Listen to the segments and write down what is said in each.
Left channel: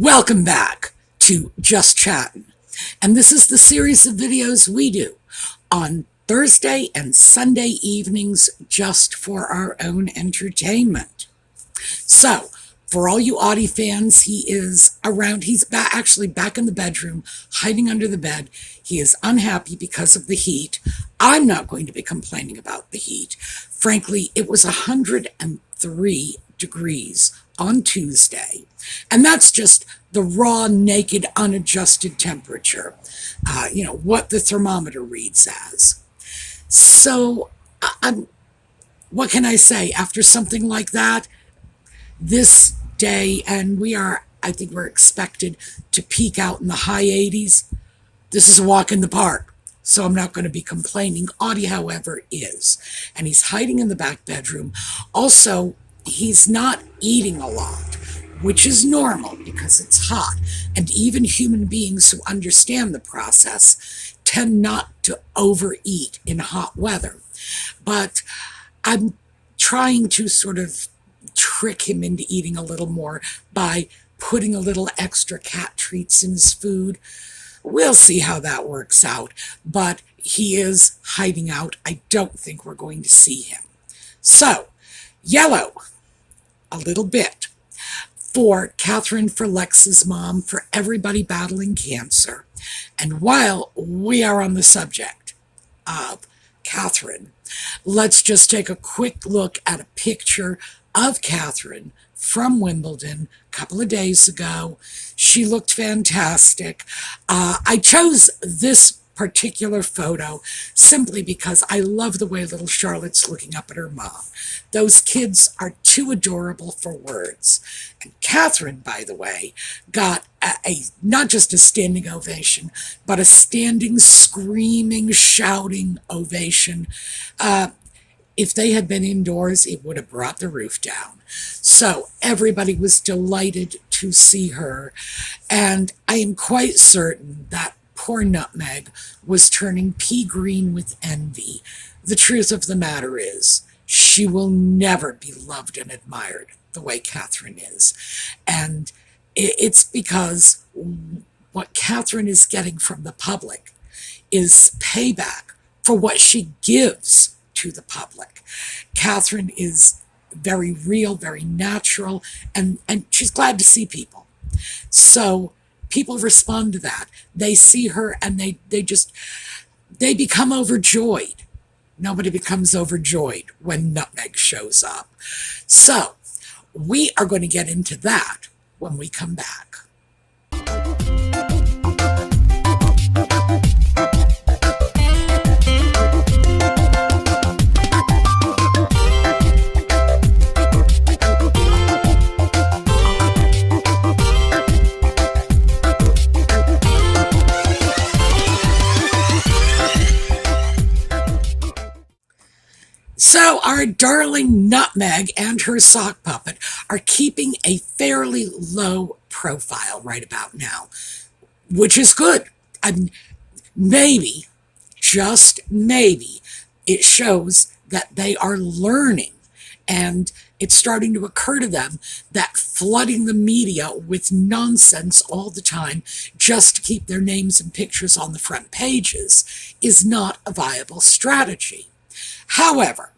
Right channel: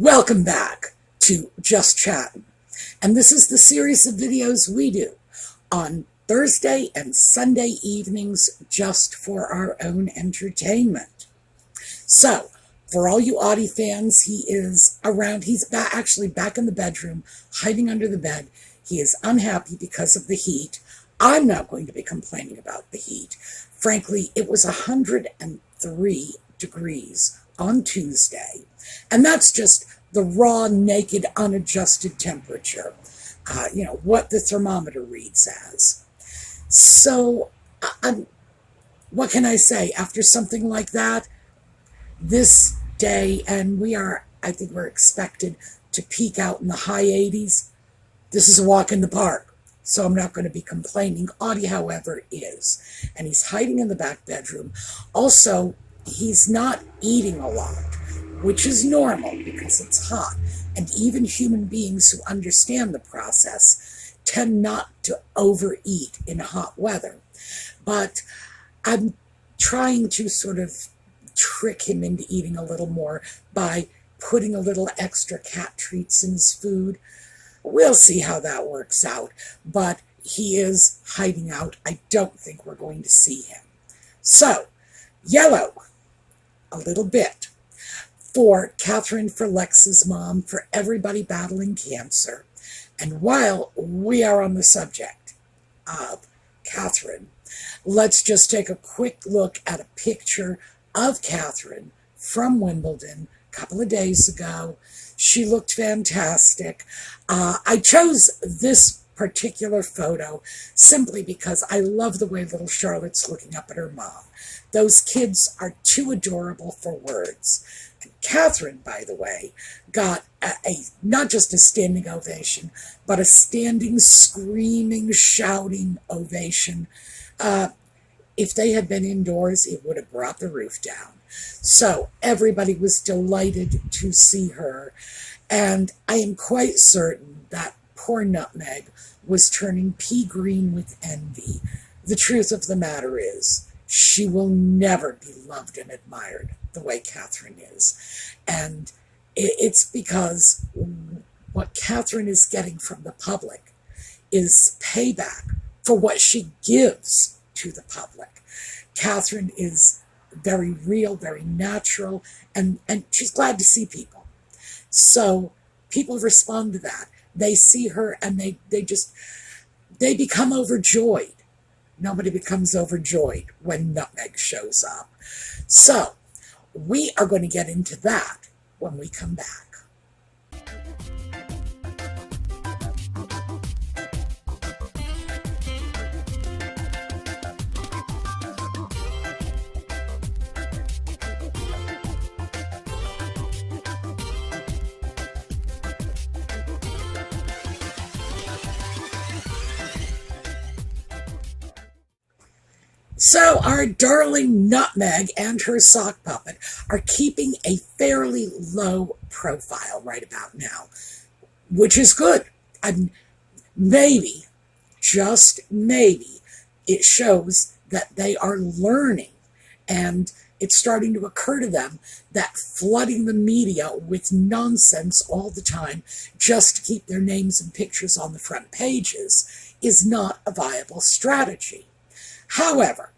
Welcome back to Just Chattin'. And this is the series of videos we do on Thursday and Sunday evenings just for our own entertainment. So, for all you Audie fans, he is around. He's actually back in the bedroom, hiding under the bed. He is unhappy because of the heat. I'm not going to be complaining about the heat. Frankly, it was 103 degrees on Tuesday. And that's just the raw, naked, unadjusted temperature, what the thermometer reads as. So, what can I say? After something like that, this day, and I think we're expected to peak out in the high 80s. This is a walk in the park, so I'm not going to be complaining. Audie, however, is. And he's hiding in the back bedroom. Also, he's not eating a lot, which is normal because it's hot. And even human beings who understand the process tend not to overeat in hot weather. But I'm trying to sort of trick him into eating a little more by putting a little extra cat treats in his food. We'll see how that works out, but he is hiding out. I don't think we're going to see him. So, yellow, a little bit, for Catherine, for Lex's mom, for everybody battling cancer. And while we are on the subject of Catherine, let's just take a quick look at a picture of Catherine from Wimbledon a couple of days ago. She looked fantastic. I chose this particular photo simply because I love the way little Charlotte's looking up at her mom. Those kids are too adorable for words. And Catherine, by the way, got not just a standing ovation, but a standing, screaming, shouting ovation. If they had been indoors, it would have brought the roof down. So everybody was delighted to see her. And I am quite certain that poor Nutmeg was turning pea green with envy. The truth of the matter is, she will never be loved and admired the way Catherine is. And it's because what Catherine is getting from the public is payback for what she gives to the public. Catherine is very real, very natural, and she's glad to see people. So people respond to that. They see her and they become overjoyed. Nobody becomes overjoyed when Nutmeg shows up. So we are going to get into that when we come back. So our darling Nutmeg and her sock puppet are keeping a fairly low profile right about now, which is good. And maybe, just maybe, it shows that they are learning, and it's starting to occur to them that flooding the media with nonsense all the time just to keep their names and pictures on the front pages is not a viable strategy. However,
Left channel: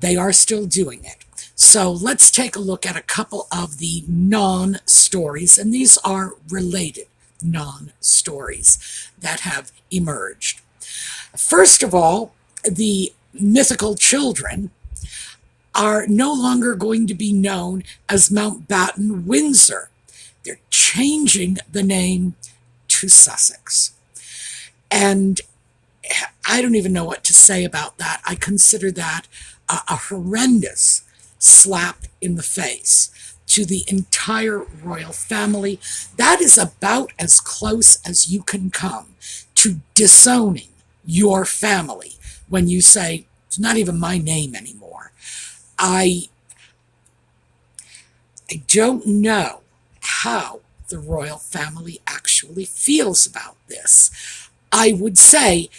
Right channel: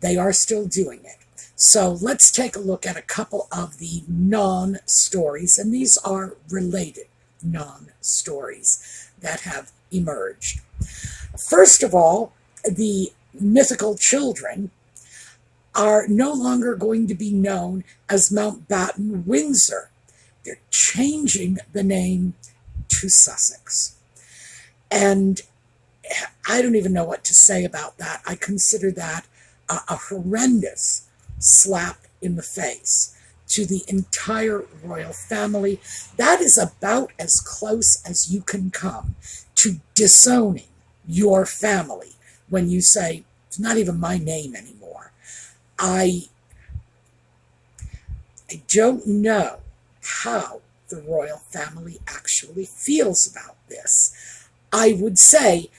they are still doing it. So let's take a look at a couple of the non-stories, and these are related non-stories that have emerged. First of all, the mythical children are no longer going to be known as Mountbatten Windsor. They're changing the name to Sussex. And I don't even know what to say about that. I consider that a horrendous slap in the face to the entire royal family. That is about as close as you can come to disowning your family when you say, it's not even my name anymore. I don't know how the royal family actually feels about this. I would say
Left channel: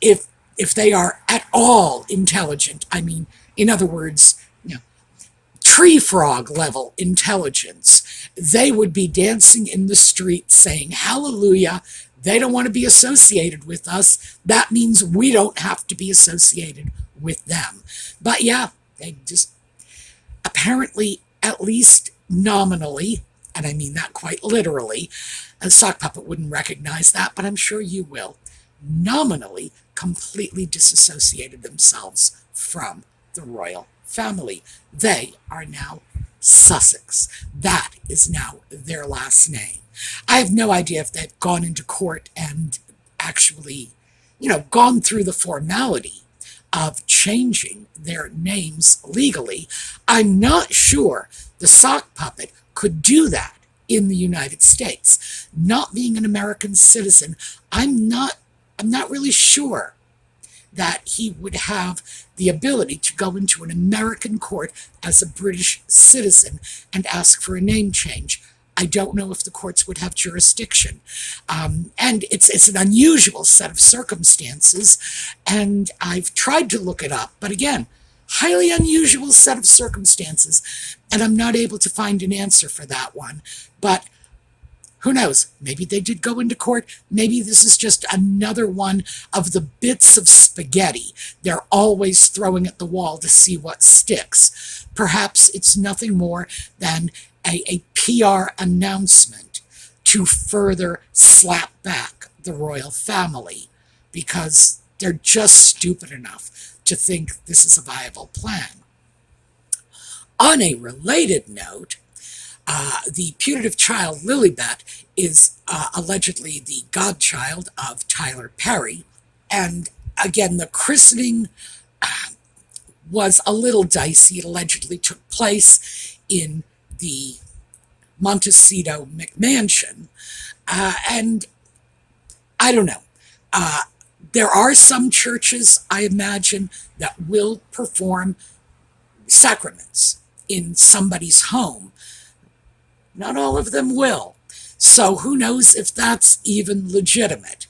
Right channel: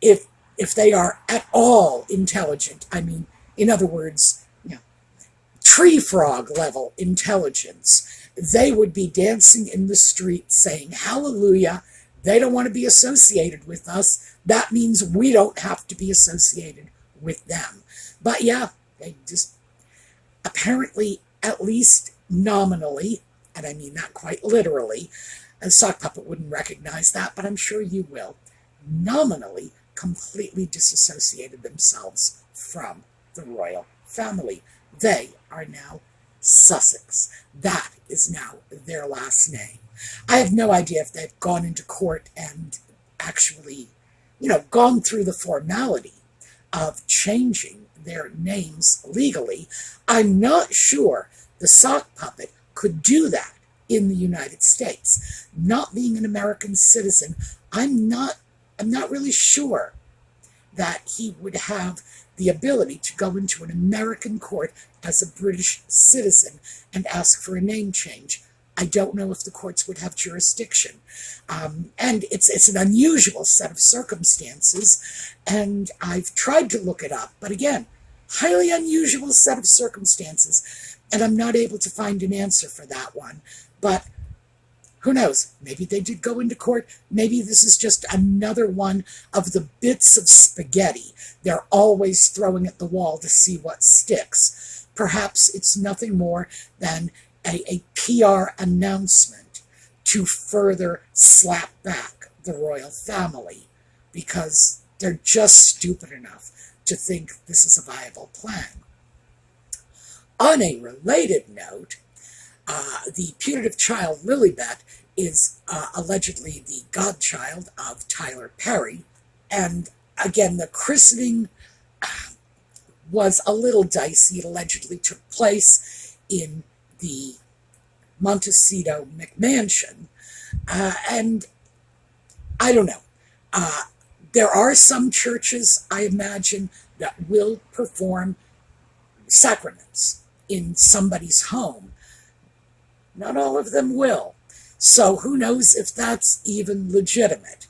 if they are at all intelligent, I mean, in other words, tree frog level intelligence, they would be dancing in the street saying, hallelujah, they don't want to be associated with us. That means we don't have to be associated with them. But yeah, they just apparently, at least nominally, and I mean that quite literally, a sock puppet wouldn't recognize that, but I'm sure you will, nominally completely disassociated themselves from the royal family. They are now Sussex. That is now their last name. I have no idea if they've gone into court and actually, gone through the formality of changing their names legally. I'm not sure the sock puppet could do that in the United States. Not being an American citizen, I'm not really sure that he would have the ability to go into an American court as a British citizen and ask for a name change. I don't know if the courts would have jurisdiction. And it's an unusual set of circumstances, and I've tried to look it up, but again, highly unusual set of circumstances, and I'm not able to find an answer for that one. But who knows? Maybe they did go into court. Maybe this is just another one of the bits of spaghetti they're always throwing at the wall to see what sticks. Perhaps it's nothing more than a PR announcement to further slap back the royal family, because they're just stupid enough to think this is a viable plan. On a related note, the putative child Lilibet is allegedly the godchild of Tyler Perry, and again, the christening was a little dicey. It allegedly took place in the Montecito McMansion, and I don't know. There are some churches, I imagine, that will perform sacraments in somebody's home. Not all of them will. So who knows if that's even legitimate.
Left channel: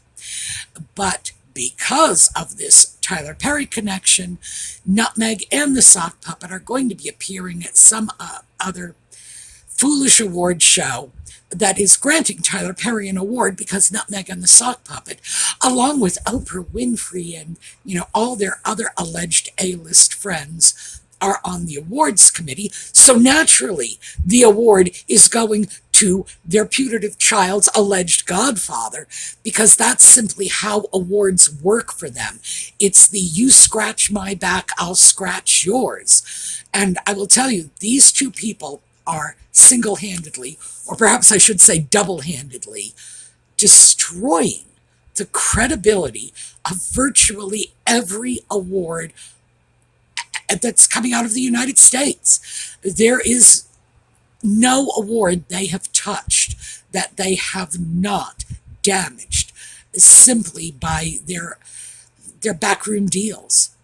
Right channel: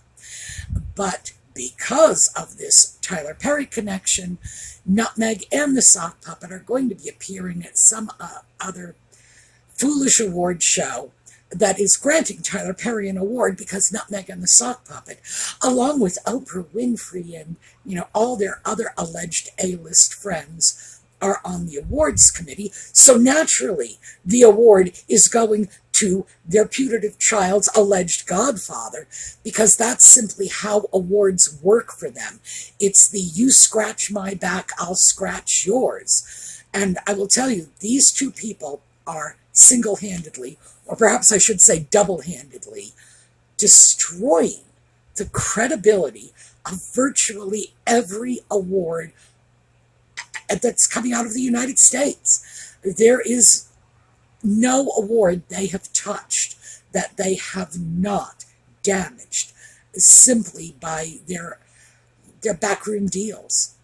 But because of this Tyler Perry connection, Nutmeg and the sock puppet are going to be appearing at some other foolish award show that is granting Tyler Perry an award because Nutmeg and the sock puppet, along with Oprah Winfrey and all their other alleged A-list friends, are on the awards committee. So naturally, the award is going to their putative child's alleged godfather, because that's simply how awards work for them. It's the you scratch my back, I'll scratch yours. And I will tell you, these two people are single-handedly, or perhaps I should say double-handedly, destroying the credibility of virtually every award that's coming out of the United States. There is no award they have touched that they have not damaged simply by their backroom deals,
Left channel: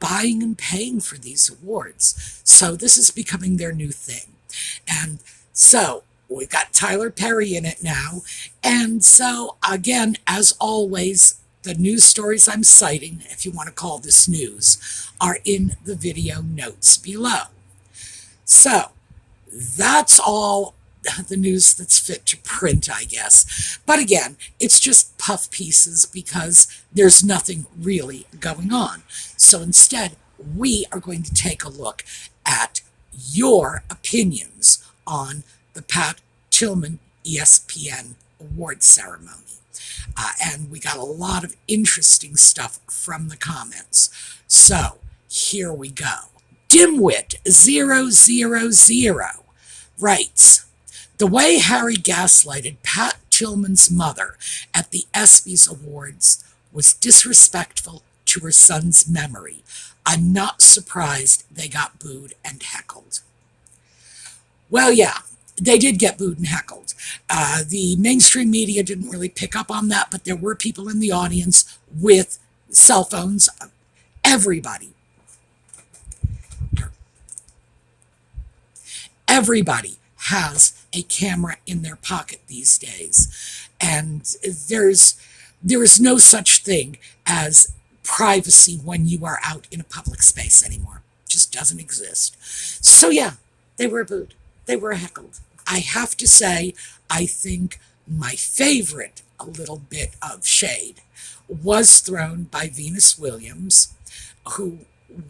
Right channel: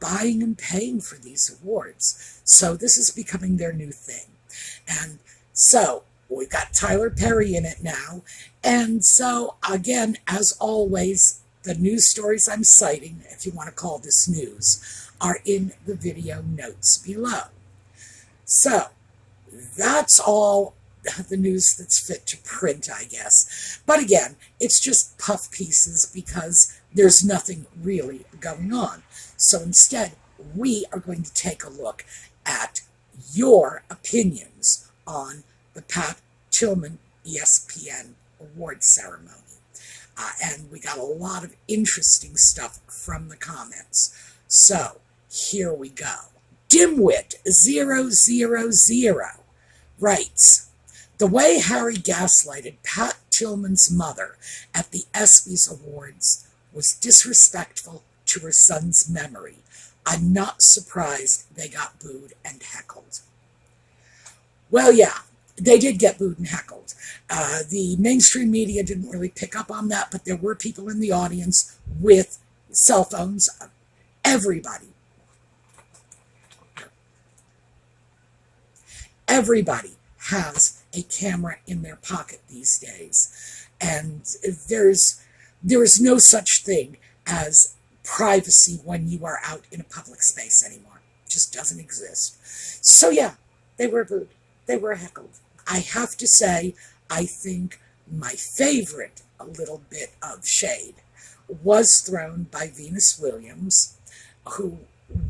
buying and paying for these awards. So this is becoming their new thing. And so we've got Tyler Perry in it now. And so, again, as always, the news stories I'm citing, if you want to call this news, are in the video notes below. So that's all the news that's fit to print, I guess. But again, it's just puff pieces because there's nothing really going on. So instead, we are going to take a look at your opinions on the Pat Tillman ESPN award ceremony. And we got a lot of interesting stuff from the comments. So here we go. Dimwit000 writes, the way Harry gaslighted Pat Tillman's mother at the ESPYs Awards was disrespectful to her son's memory. I'm not surprised they got booed and heckled. Well, yeah, they did get booed and heckled. The mainstream media didn't really pick up on that, but there were people in the audience with cell phones. Everybody has a camera in their pocket these days. And there is no such thing as privacy when you are out in a public space anymore. It just doesn't exist. So yeah, They were booed. They were heckled. I have to say, I think my favorite, a little bit of shade, was thrown by Venus Williams, who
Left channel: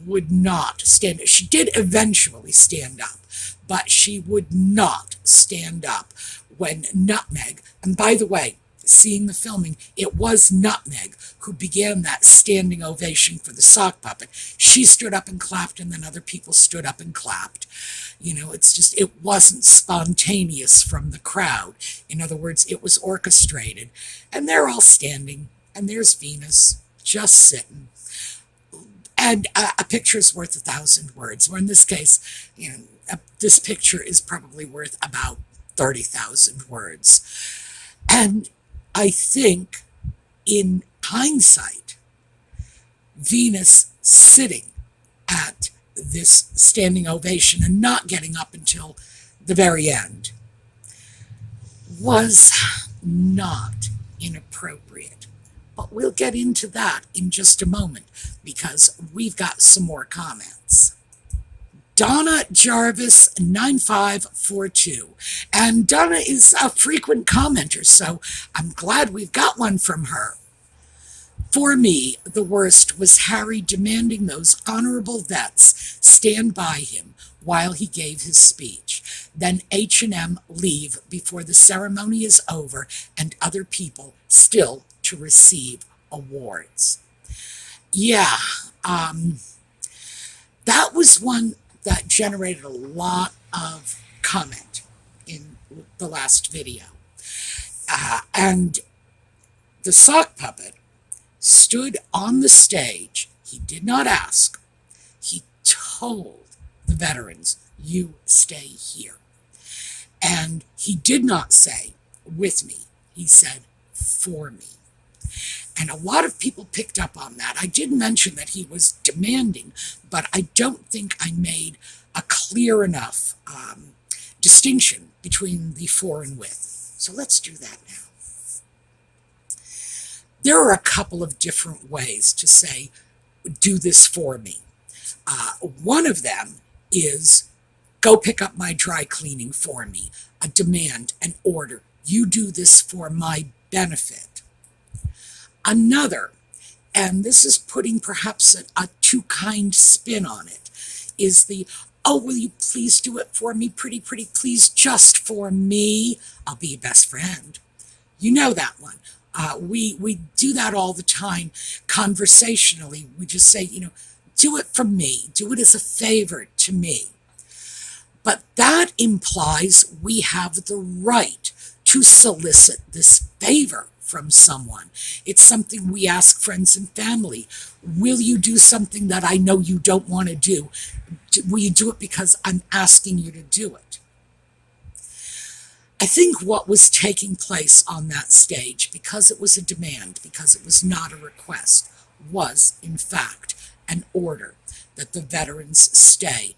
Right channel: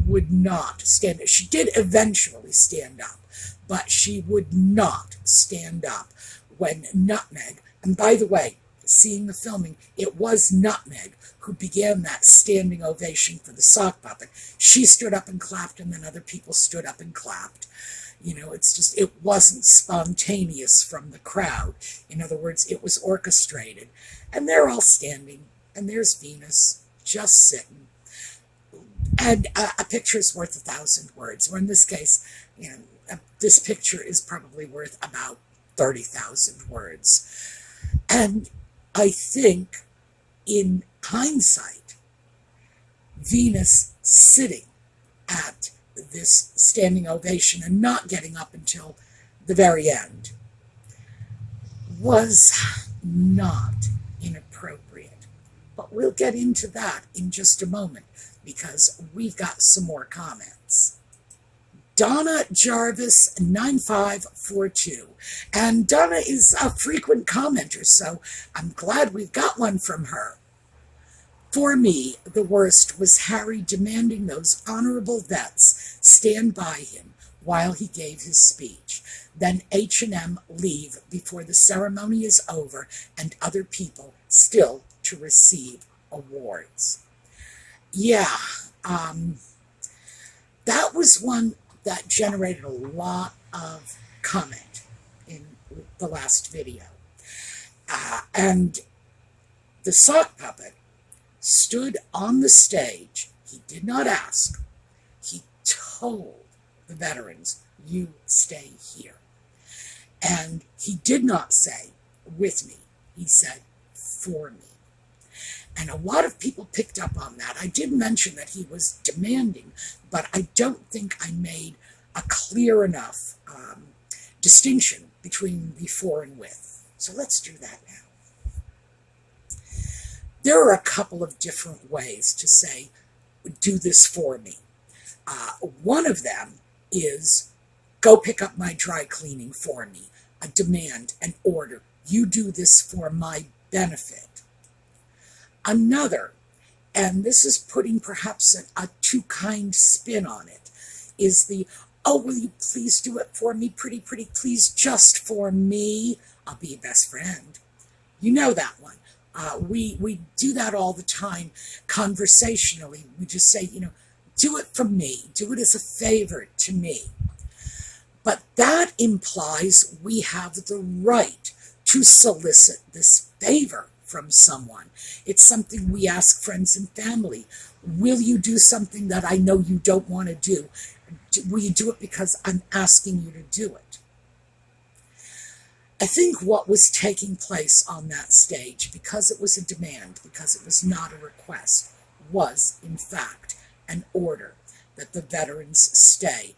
would not stand up. She did eventually stand up, but she would not stand up when Nutmeg, and by the way, seeing the filming, it was Nutmeg who began that standing ovation for the sock puppet. She stood up and clapped, and then other people stood up and clapped. It's just, it wasn't spontaneous from the crowd. In other words, it was orchestrated. And they're all standing, and there's Venus just sitting. And a picture's worth 1,000 words, or in this case, this picture is probably worth about 30,000 words. And I think, in hindsight, Venus sitting at this standing ovation and not getting up until the very end was not inappropriate. But we'll get into that in just a moment, because we've got some more comments. Donna Jarvis 9542. And Donna is a frequent commenter, so I'm glad we've got one from her. For me, the worst was Harry demanding those honorable vets stand by him while he gave his speech. Then H&M leave before the ceremony is over, and other people still to receive awards. Yeah, that was one that generated a lot of comment in the last video. And the sock puppet stood on the stage. He did not ask. He told the veterans, "You stay here." And he did not say, "with me." He said, "for me." And a lot of people picked up on that. I did mention that he was demanding, but I don't think I made a clear enough distinction between the for and with. So let's do that now. There are a couple of different ways to say, "do this for me." One of them is, "go pick up my dry cleaning for me," a demand, an order. "You do this for my benefit." Another, and this is putting perhaps a too kind spin on it, is the, "oh, will you please do it for me, pretty, please, just for me? I'll be your best friend." You know that one. We do that all the time conversationally. We just say, "do it for me. Do it as a favor to me." But that implies we have the right to solicit this favor from someone. It's something we ask friends and family. "Will you do something that I know you don't want to do? Will you do it because I'm asking you to do it?" I think what was taking place on that stage, because it was a demand, because it was not a request, was, in fact, an order that the veterans stay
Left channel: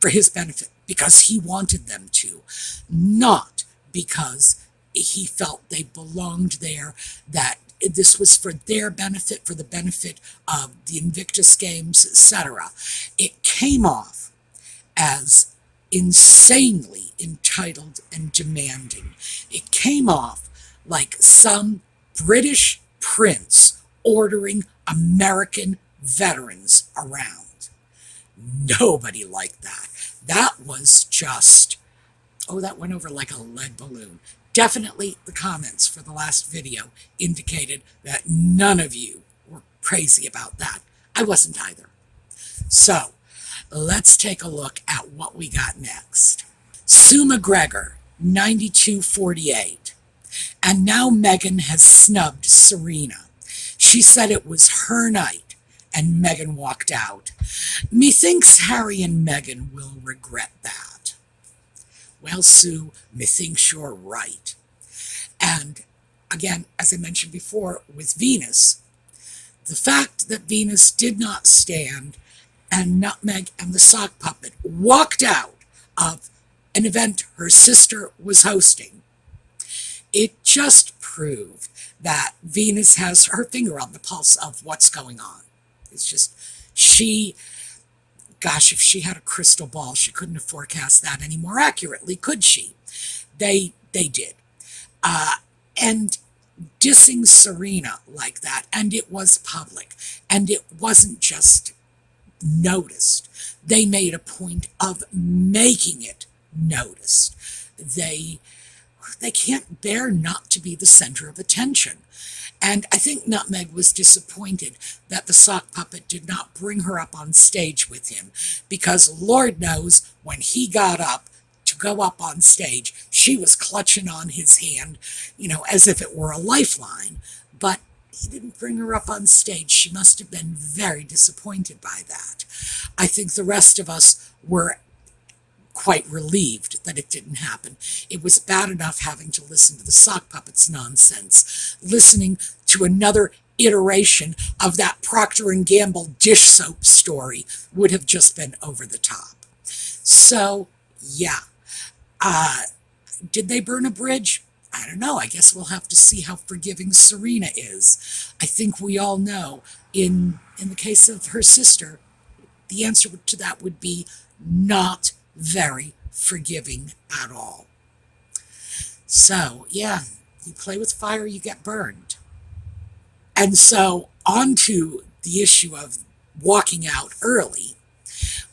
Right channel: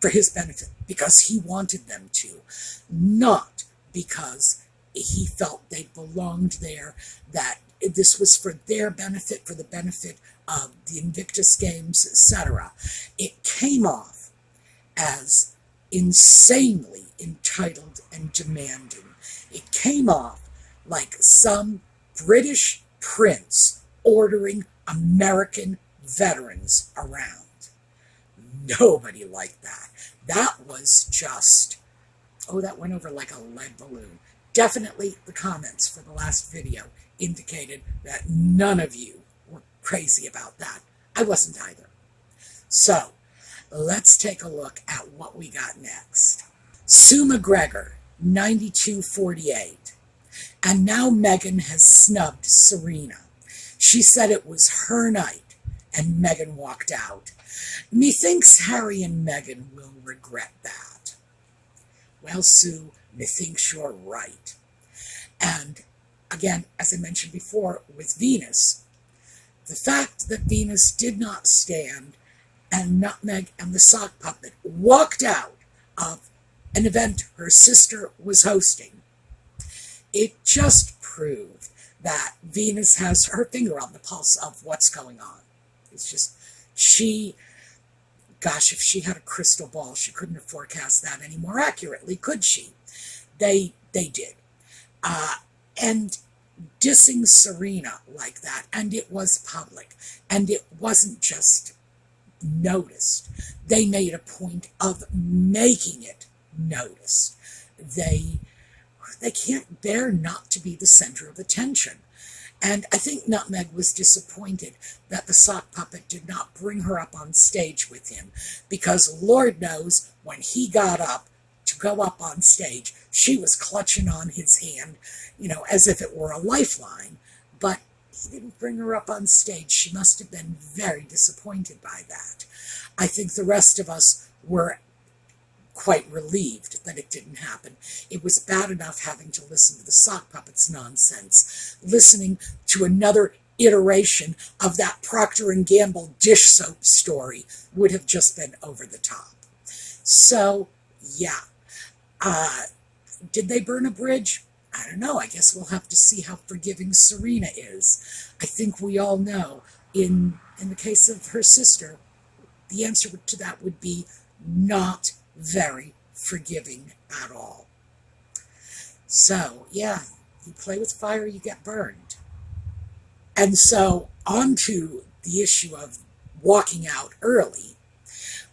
for his benefit, because he wanted them to, not because he felt they belonged there, that this was for their benefit, for the benefit of the Invictus Games, etc. It came off as insanely entitled and demanding. It came off like some British prince ordering American veterans around. Nobody liked that. That was just, that went over like a lead balloon. Definitely the comments for the last video indicated that none of you were crazy about that. I wasn't either. So let's take a look at what we got next. Sue McGregor, 9248. And now Meghan has snubbed Serena. She said it was her night, and Meghan walked out. Methinks Harry and Meghan will regret that. Well, Sue, methinks you're right. And again, as I mentioned before, with Venus, the fact that Venus did not stand and Nutmeg and the sock puppet walked out of an event her sister was hosting, it just proved that Venus has her finger on the pulse of what's going on. It's just, she Gosh, if she had a crystal ball, she couldn't have forecast that any more accurately, could she? They did. And dissing Serena like that, and it was public, and it wasn't just noticed. They made a point of making it noticed. They they can't bear not to be the center of attention. And I think Nutmeg was disappointed that the sock puppet did not bring her up on stage with him, because Lord knows when he got up to go up on stage, she was clutching on his hand, as if it were a lifeline. But he didn't bring her up on stage. She must have been very disappointed by that. I think the rest of us were quite relieved that it didn't happen. It was bad enough having to listen to the sock puppet's nonsense. Listening to another iteration of that Procter & Gamble dish soap story would have just been over the top. So, yeah. Did they burn a bridge? I don't know. I guess we'll have to see how forgiving Serena is. I think we all know, in the case of her sister, the answer to that would be not very forgiving at all. So, yeah, you play with fire, you get burned. And so, on to the issue of walking out early,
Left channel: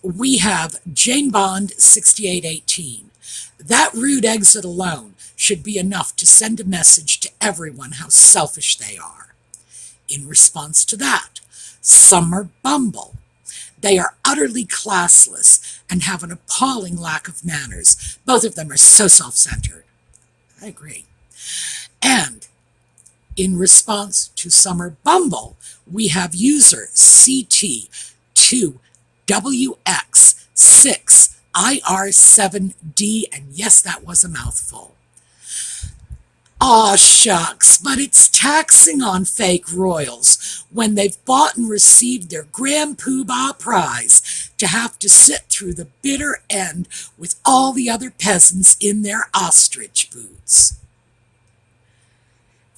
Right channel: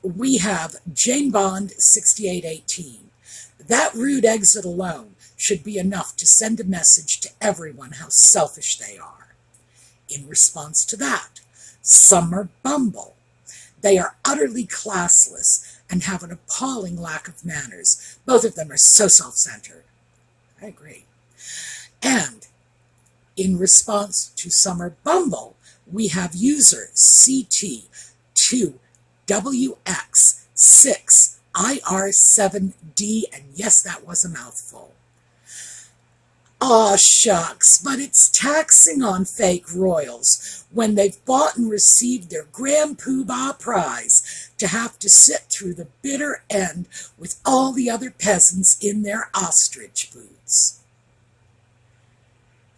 we have Jane Bond 6818. That rude exit alone should be enough to send a message to everyone how selfish they are. In response to that, Summer Bumble. They are utterly classless and have an appalling lack of manners. Both of them are so self-centered. I agree. And in response to Summer Bumble, we have user CT2WX6IR7D, and yes, that was a mouthful. Aw, shucks, but it's taxing on fake royals when they've bought and received their Grand Poobah prize to have to sit through the bitter end with all the other peasants in their ostrich boots.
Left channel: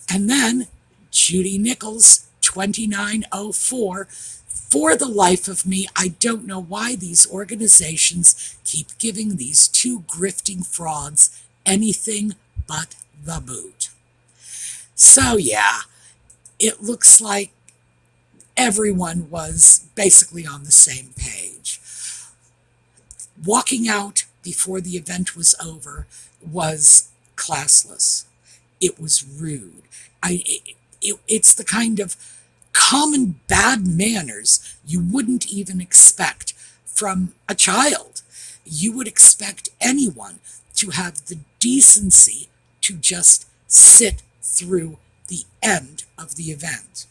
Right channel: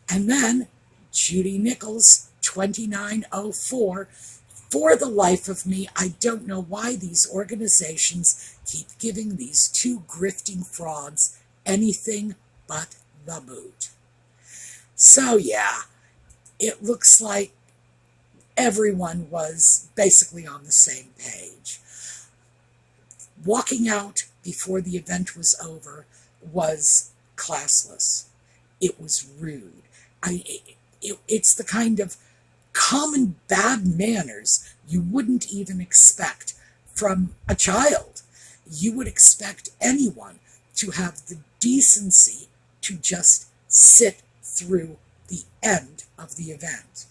And then Judy Nichols, 2904, for the life of me, I don't know why these organizations keep giving these two grifting frauds anything but the boot. So yeah, it looks like everyone was basically on the same page. Walking out before the event was over was classless. It was rude. It's the kind of common bad manners you wouldn't even expect from a child. You would expect anyone to have the decency to just sit through the end of the event.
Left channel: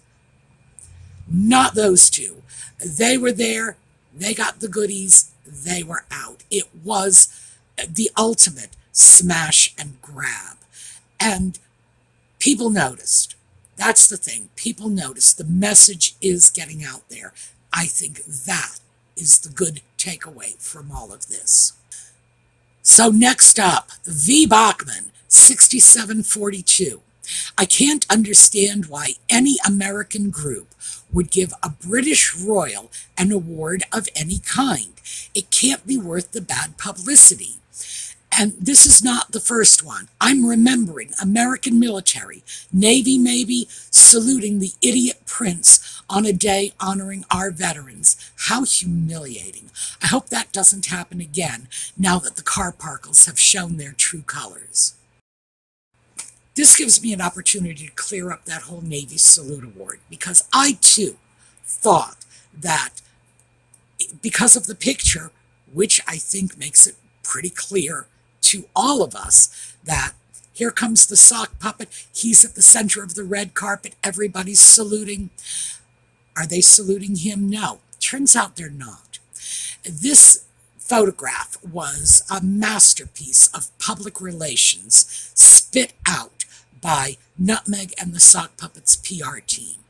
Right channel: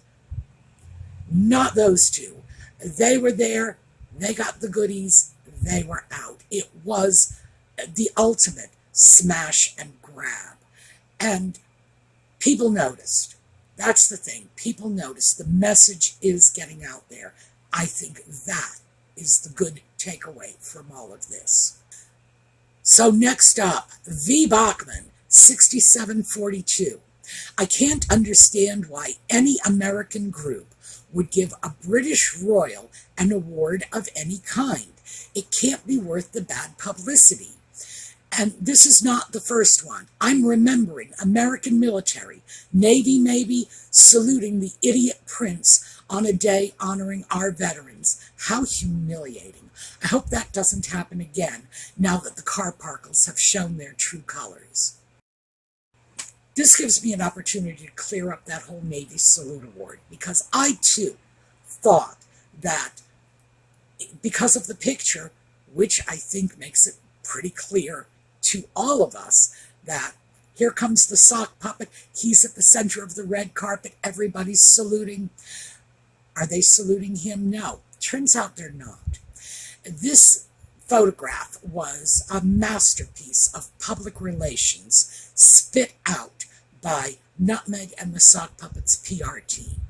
Not those two. They were there, they got the goodies, they were out. It was the ultimate smash and grab. And people noticed. That's the thing. People noticed. The message is getting out there. I think that is the good takeaway from all of this. So next up, V. Bachman, 6742. I can't understand why any American group would give a British royal an award of any kind. It can't be worth the bad publicity. And this is not the first one. I'm remembering American military, Navy maybe, saluting the idiot prince on a day honoring our veterans. How humiliating. I hope that doesn't happen again now that the Carparkles have shown their true colors. This gives me an opportunity to clear up that whole Navy Salute Award, because I too thought that because of the picture, which I think makes it pretty clear to all of us that here comes the sock puppet, he's at the center of the red carpet, everybody's saluting. Are they saluting him? No. Turns out they're not. This photograph was a masterpiece of public relations spit out by Nutmeg and the sock puppet's PR team.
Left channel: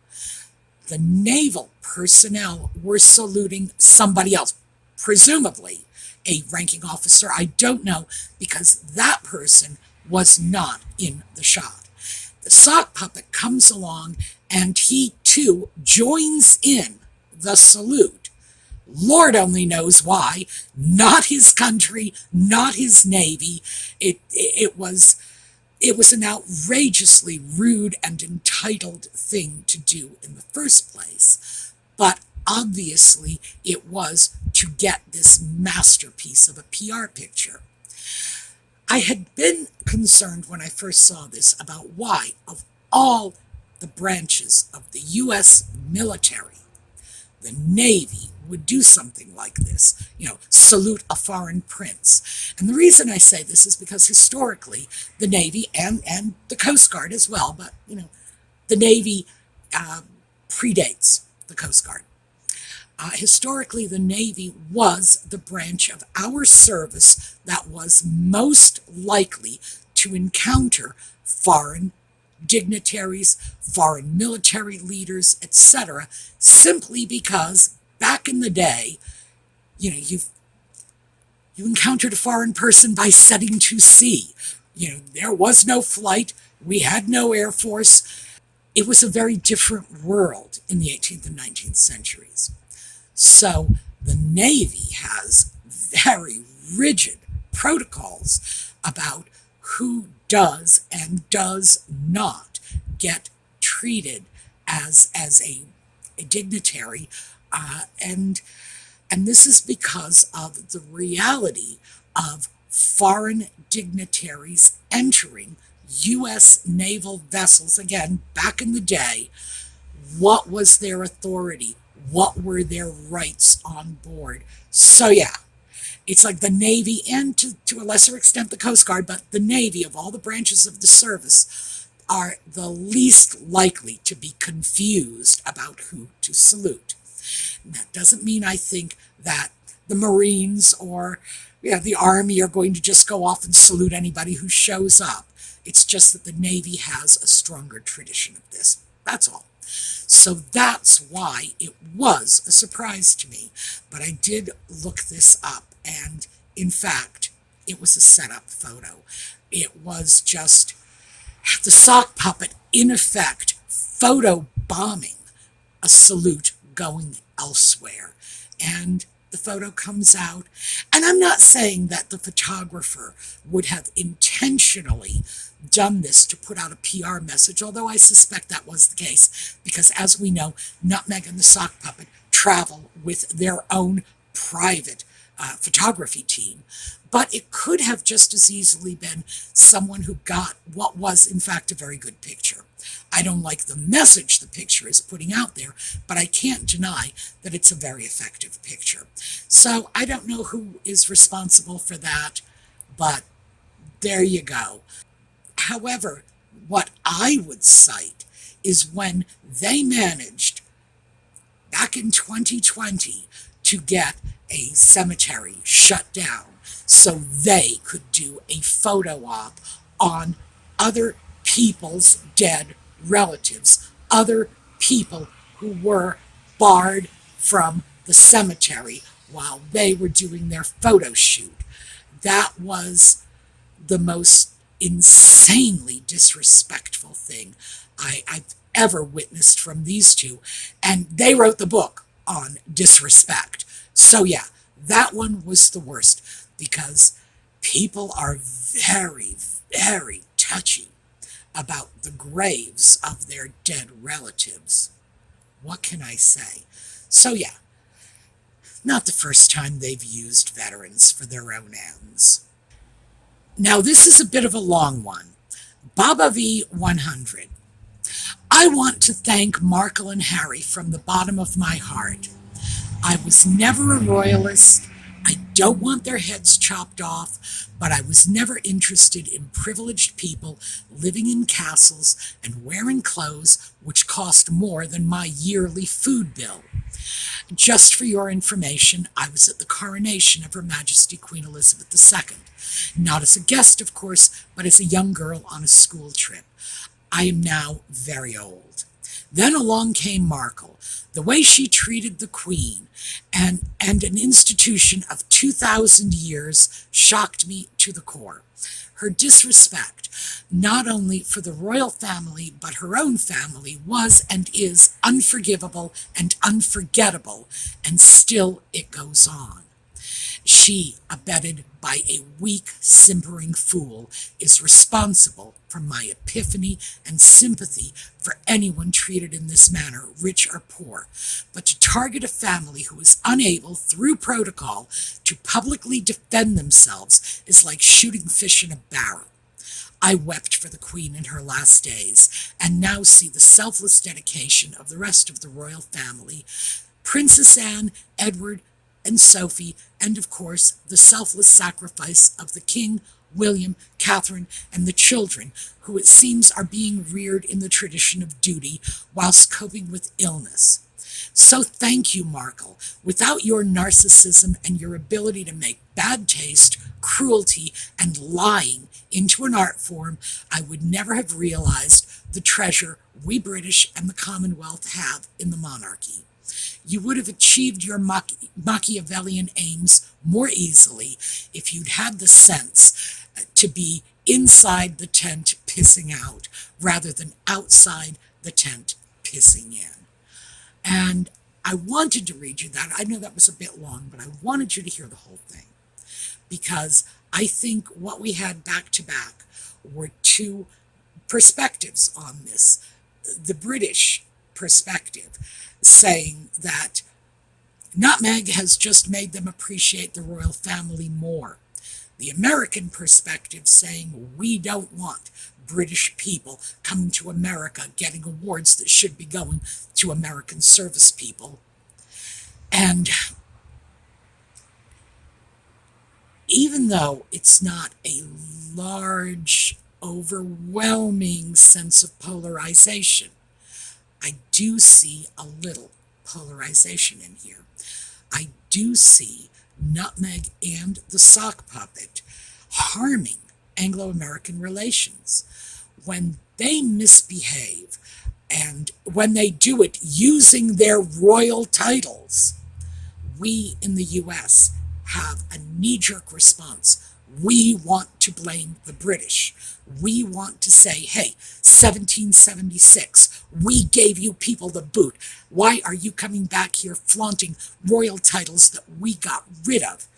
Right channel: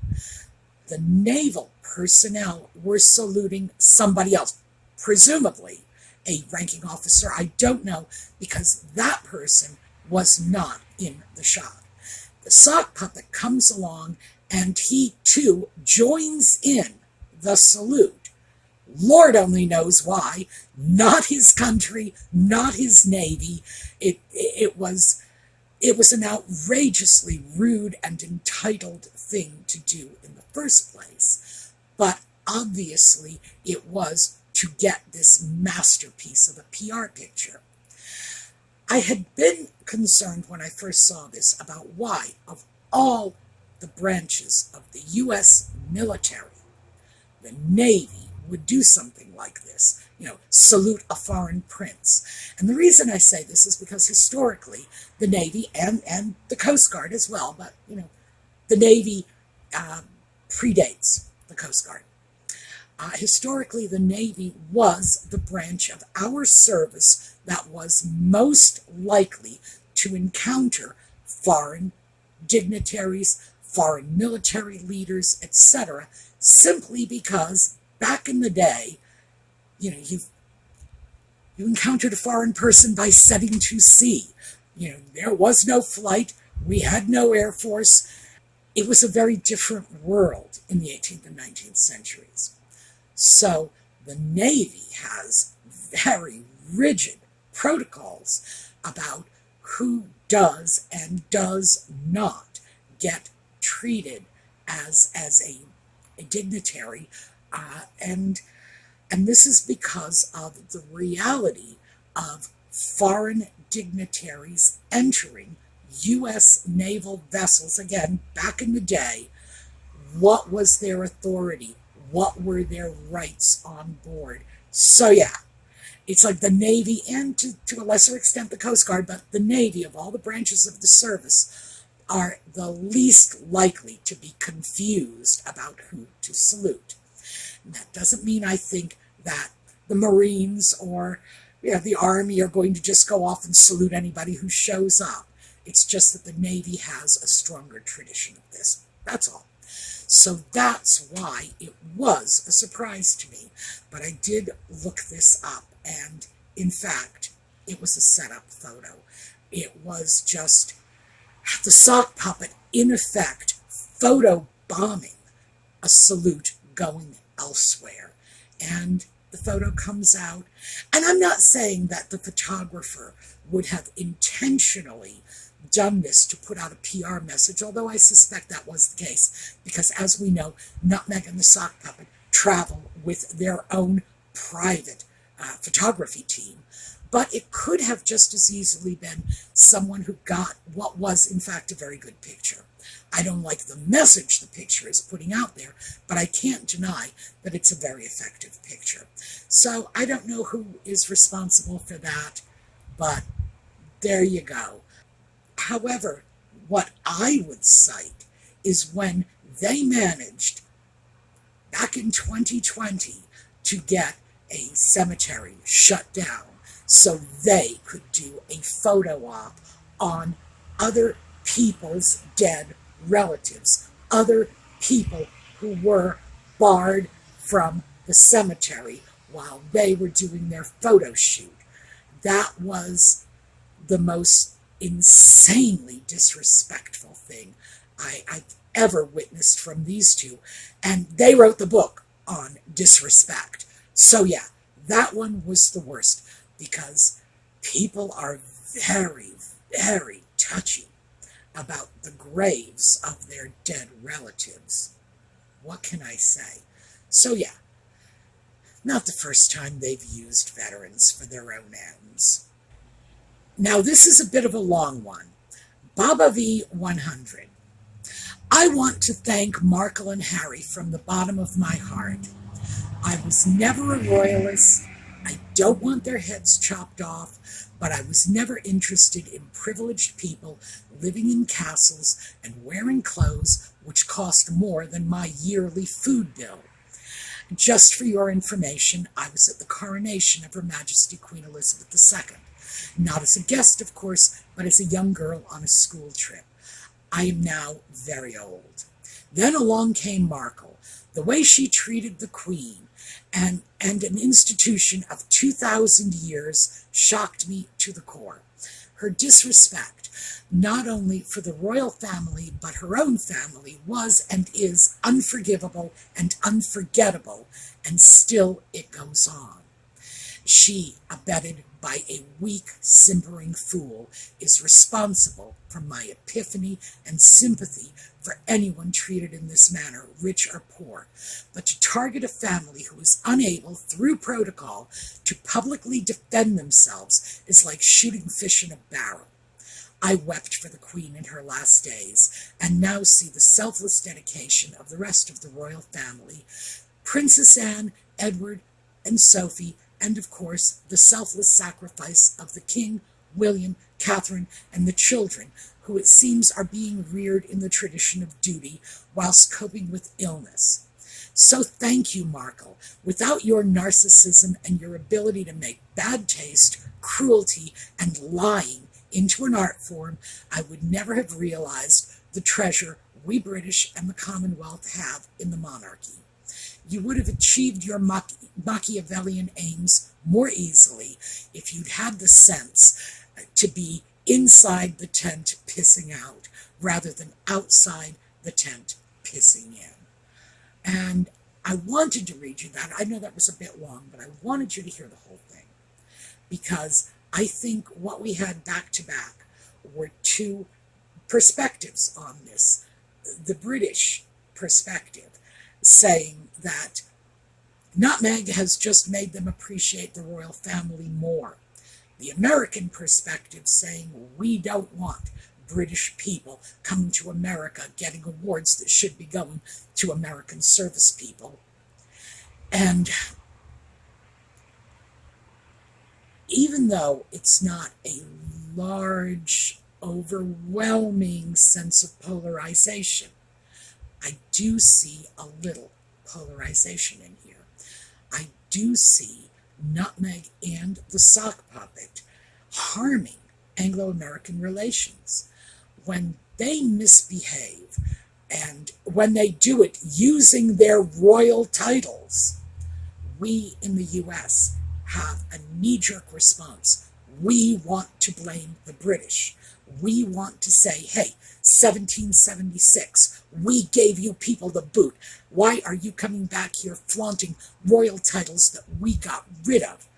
The naval personnel were saluting somebody else, presumably a ranking officer. I don't know, because that person was not in the shot. The sock puppet comes along and he too joins in the salute, Lord only knows why. Not his country, not his navy. It was an outrageously rude and entitled thing to do in the first place. But obviously, it was to get this masterpiece of a PR picture. I had been concerned when I first saw this about why, of all the branches of the U.S. military, the Navy would do something like this, salute a foreign prince. And the reason I say this is because historically, the Navy and the Coast Guard as well, but, the Navy predates the Coast Guard. Historically, the Navy was the branch of our service that was most likely to encounter foreign dignitaries, foreign military leaders, etc., simply because back in the day, you encountered a foreign person by setting to sea. There was no flight, we had no air force. It was a very different world in the 18th and 19th centuries. So the Navy has very rigid protocols about who does and does not get treated as a dignitary, and this is because of the reality of foreign dignitaries entering U.S. naval vessels. Again, back in the day, what was their authority? What were their rights on board? So yeah, it's like the Navy, and to a lesser extent the Coast Guard, but the Navy, of all the branches of the service, are the least likely to be confused about who to salute. And that doesn't mean I think that the Marines or the Army are going to just go off and salute anybody who shows up. It's just that the Navy has a stronger tradition of this. That's all. So that's why it was a surprise to me. But I did look this up, and in fact, it was a setup photo. It was just the sock puppet, in effect, photo bombing a salute going elsewhere. And the photo comes out, and I'm not saying that the photographer would have intentionally done this to put out a PR message, although I suspect that was the case, because as we know, Nutmeg and the Sock Puppet travel with their own private photography team. But it could have just as easily been someone who got what was, in fact, a very good picture. I don't like the message the picture is putting out there, but I can't deny that it's a very effective picture. So I don't know who is responsible for that, but there you go. However, what I would cite is when they managed, back in 2020, to get a cemetery shut down so they could do a photo op on other people's dead relatives, other people who were barred from the cemetery while they were doing their photo shoot. That was the most insanely disrespectful thing I've ever witnessed from these two. And they wrote the book on disrespect. So yeah, that one was the worst, because people are very, very touchy about the graves of their dead relatives. What can I say? So yeah, not the first time they've used veterans for their own ends. Now this is a bit of a long one. Baba V100. I want to thank Markle and Harry from the bottom of my heart. I was never a royalist. I don't want their heads chopped off, but I was never interested in privileged people living in castles and wearing clothes which cost more than my yearly food bill. Just for your information, I was at the coronation of Her Majesty Queen Elizabeth II. Not as a guest, of course, but as a young girl on a school trip. I am now very old. Then along came Markle. The way she treated the Queen and an institution of 2,000 years shocked me to the core. Her disrespect, not only for the royal family, but her own family, was and is unforgivable and unforgettable, and still it goes on. She, abetted by a weak, simpering fool, is responsible for my epiphany and sympathy for anyone treated in this manner, rich or poor. But to target a family who is unable, through protocol, to publicly defend themselves is like shooting fish in a barrel. I wept for the Queen in her last days, and now see the selfless dedication of the rest of the royal family, Princess Anne, Edward, and Sophie, and of course the selfless sacrifice of the King, William, Catherine, and the children, who it seems are being reared in the tradition of duty whilst coping with illness. So thank you, Markle. Without your narcissism and your ability to make bad taste, cruelty, and lying into an art form, I would never have realized the treasure we British and the Commonwealth have in the monarchy. You would have achieved your Machiavellian aims more easily if you'd had the sense to be inside the tent pissing out rather than outside the tent pissing in. And I wanted to read you that. I know that was a bit long, but I wanted you to hear the whole thing because I think what we had back to back were two perspectives on this. The British perspective saying that nutmeg has just made them appreciate the royal family more. The American perspective saying we don't want British people coming to America getting awards that should be going to American service people. And even though it's not a large, overwhelming sense of polarization, I do see a little polarization in here. I do see nutmeg and the sock puppet harming Anglo-American relations. When they misbehave and when they do it using their royal titles, we in the US have a knee-jerk response. We want to blame the British. We want to say, hey, 1776, we gave you people the boot. Why are you coming back here flaunting royal titles that we got rid of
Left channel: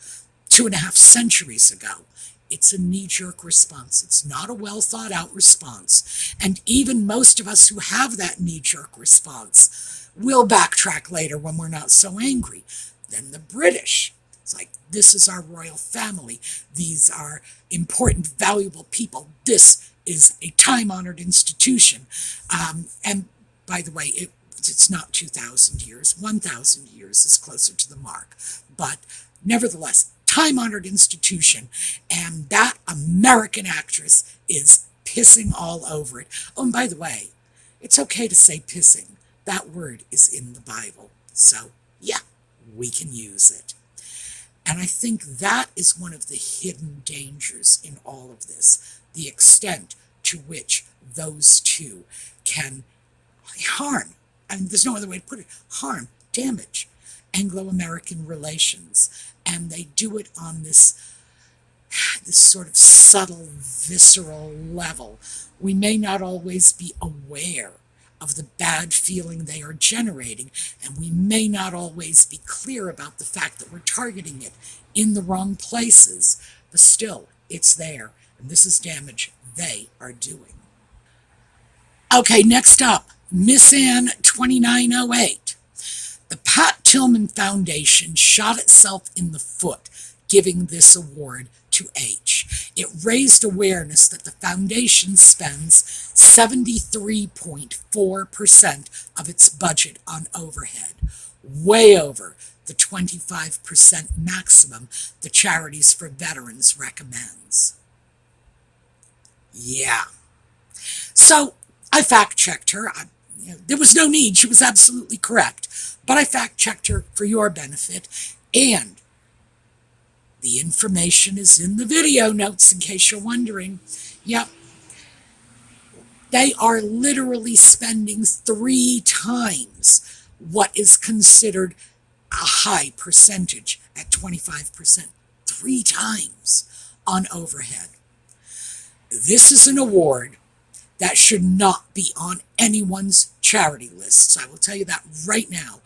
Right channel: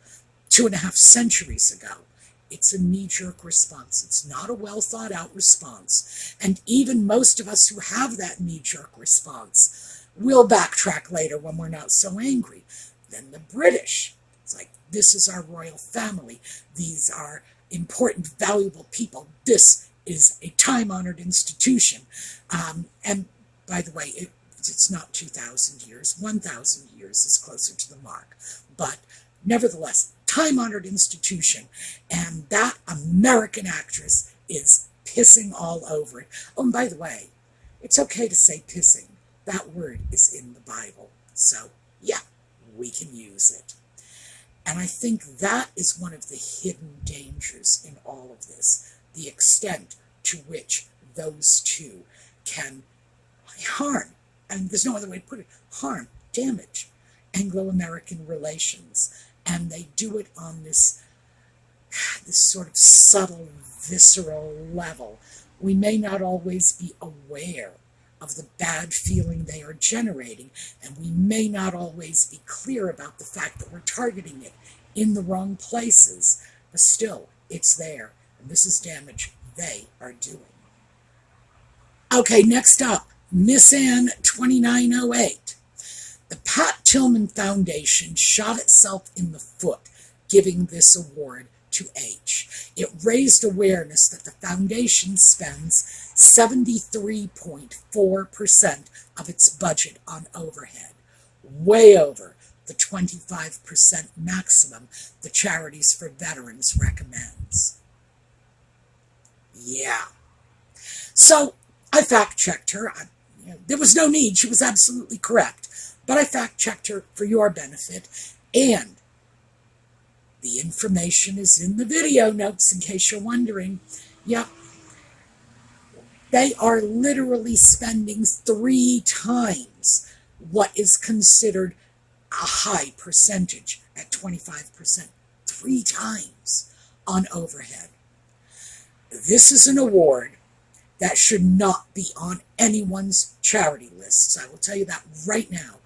2.5 centuries ago? It's a knee-jerk response. It's not a well-thought-out response. And even most of us who have that knee-jerk response will backtrack later when we're not so angry. Then the British, it's like, this is our royal family. These are important, valuable people. This is a time-honored institution. And by the way, it's not 2,000 years. 1,000 years is closer to the mark. But nevertheless, time-honored institution. And that American actress is pissing all over it. Oh, and by the way, it's okay to say pissing. That word is in the Bible. So, yeah, we can use it. And I think that is one of the hidden dangers in all of this, the extent to which those two can harm, and there's no other way to put it, harm, damage Anglo-American relations. And they do it on this sort of subtle, visceral level. We may not always be aware of the bad feeling they are generating, and we may not always be clear about the fact that we're targeting it in the wrong places, but still, it's there, and this is damage they are doing. Okay, next up, Miss Anne 2908. The Pat Tillman Foundation shot itself in the foot giving this award to H. It raised awareness that the foundation spends 73.4% of its budget on overhead, way over the 25% maximum the Charities for Veterans recommends. Yeah. So I fact-checked her. There was no need. She was absolutely correct. But I fact-checked her for your benefit, and the information is in the video notes in case you're wondering. Yep. They are literally spending 3 times what is considered a high percentage at 25%. 3 times on overhead. This is an award that should not be on anyone's charity lists. I will tell you that right now.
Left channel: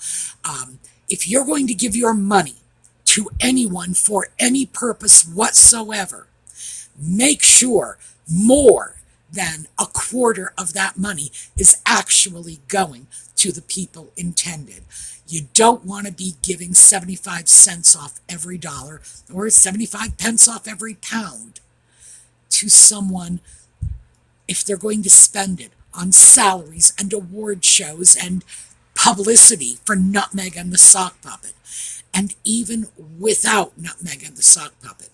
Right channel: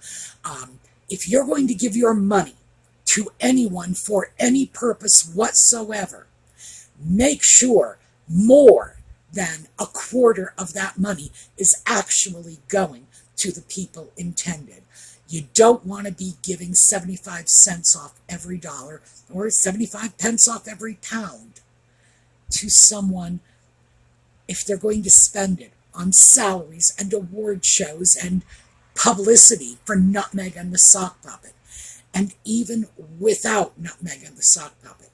If you're going to give your money to anyone for any purpose whatsoever, make sure more than a quarter of that money is actually going to the people intended. You don't want to be giving 75 cents off every dollar or 75 pence off every pound to someone if they're going to spend it on salaries and award shows and publicity for Nutmeg and the Sock Puppet. And even without Nutmeg and the Sock Puppet,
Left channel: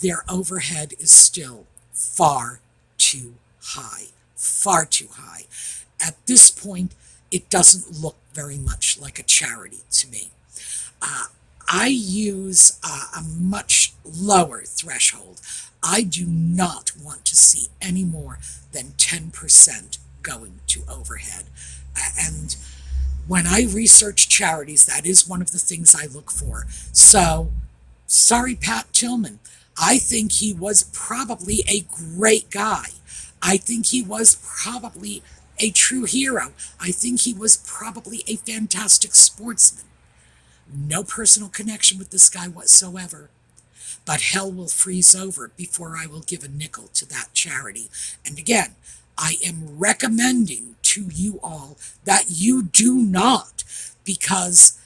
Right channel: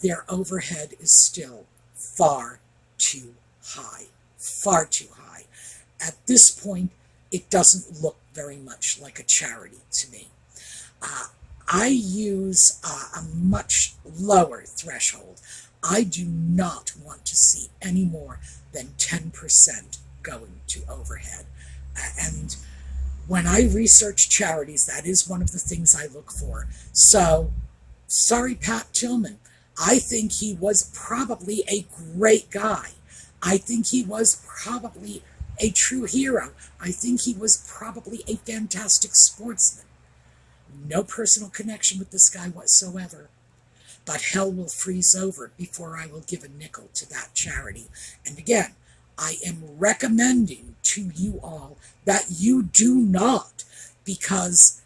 their overhead is still far too high. Far too high. At this point, it doesn't look very much like a charity to me. I use a much lower threshold. I do not want to see any more than 10% going to overhead. And when I research charities, that is one of the things I look for. So, sorry, Pat Tillman. I think he was probably a great guy. I think he was probably a true hero. I think he was probably a fantastic sportsman. No personal connection with this guy whatsoever. But hell will freeze over before I will give a nickel to that charity. And again, I am recommending to you all that you do not, because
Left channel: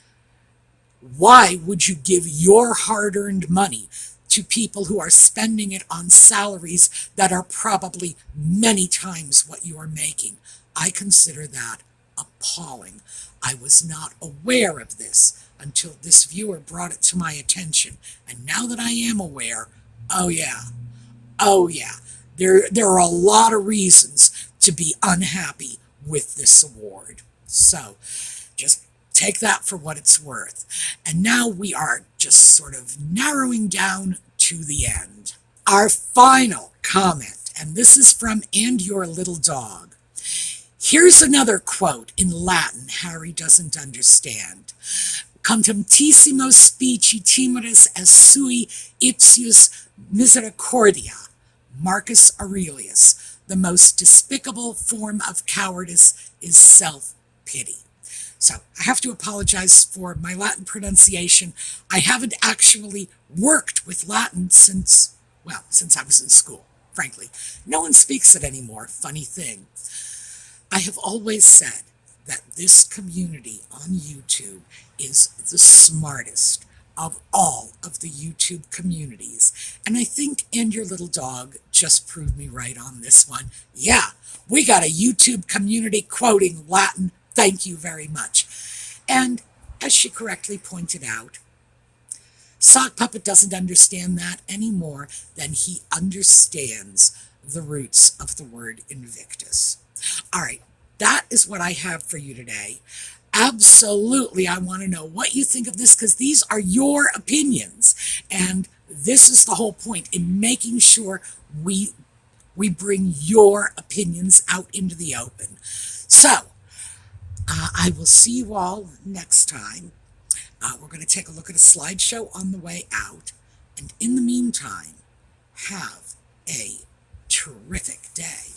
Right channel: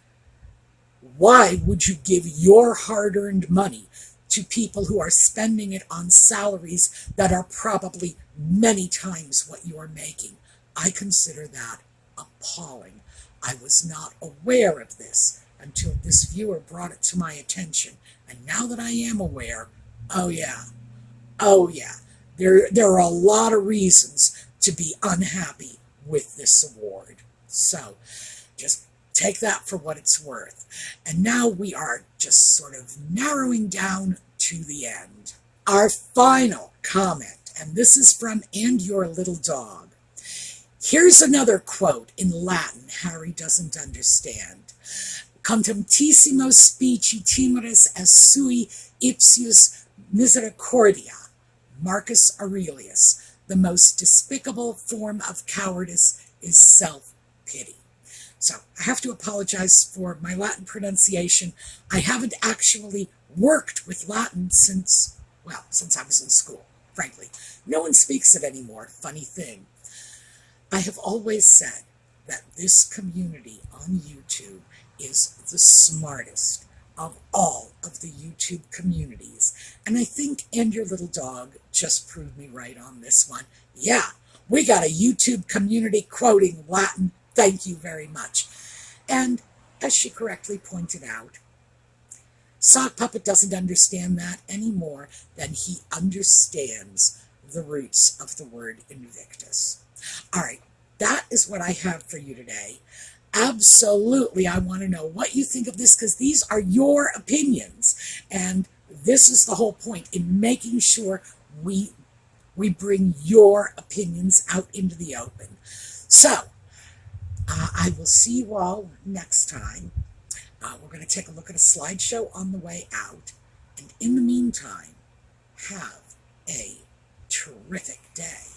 why would you give your hard-earned money to people who are spending it on salaries that are probably many times what you are making? I consider that appalling. I was not aware of this until this viewer brought it to my attention. And now that I am aware, oh yeah, there are a lot of reasons to be unhappy with this award. So just take that for what it's worth. And now we are just sort of narrowing down to the end. Our final comment, and this is from And Your Little Dog. Here's another quote in Latin Harry doesn't understand. Contemptissimo specie timoris est sui ipsius misericordia. Marcus Aurelius. The most despicable form of cowardice is self-pity. So I have to apologize for my Latin pronunciation. I haven't actually worked with Latin since I was in school, frankly. No one speaks it anymore, funny thing. I have always said that this community on YouTube is the smartest of all of the YouTube communities. And I think And Your Little Dog just proved me right on this one. Yeah, we got a YouTube community quoting Latin. Thank you very much. And as she correctly pointed out, Sock Puppet doesn't understand that any more than he understands the roots of the word Invictus. All right, that is what I have for you today. Absolutely, I want to know what you think of this, because these are your opinions. And this is the whole point, in making sure we bring your opinions out into the open. So, I will see you all next time. We're going to take a look at a slideshow on the way out. And in the meantime, have a terrific day.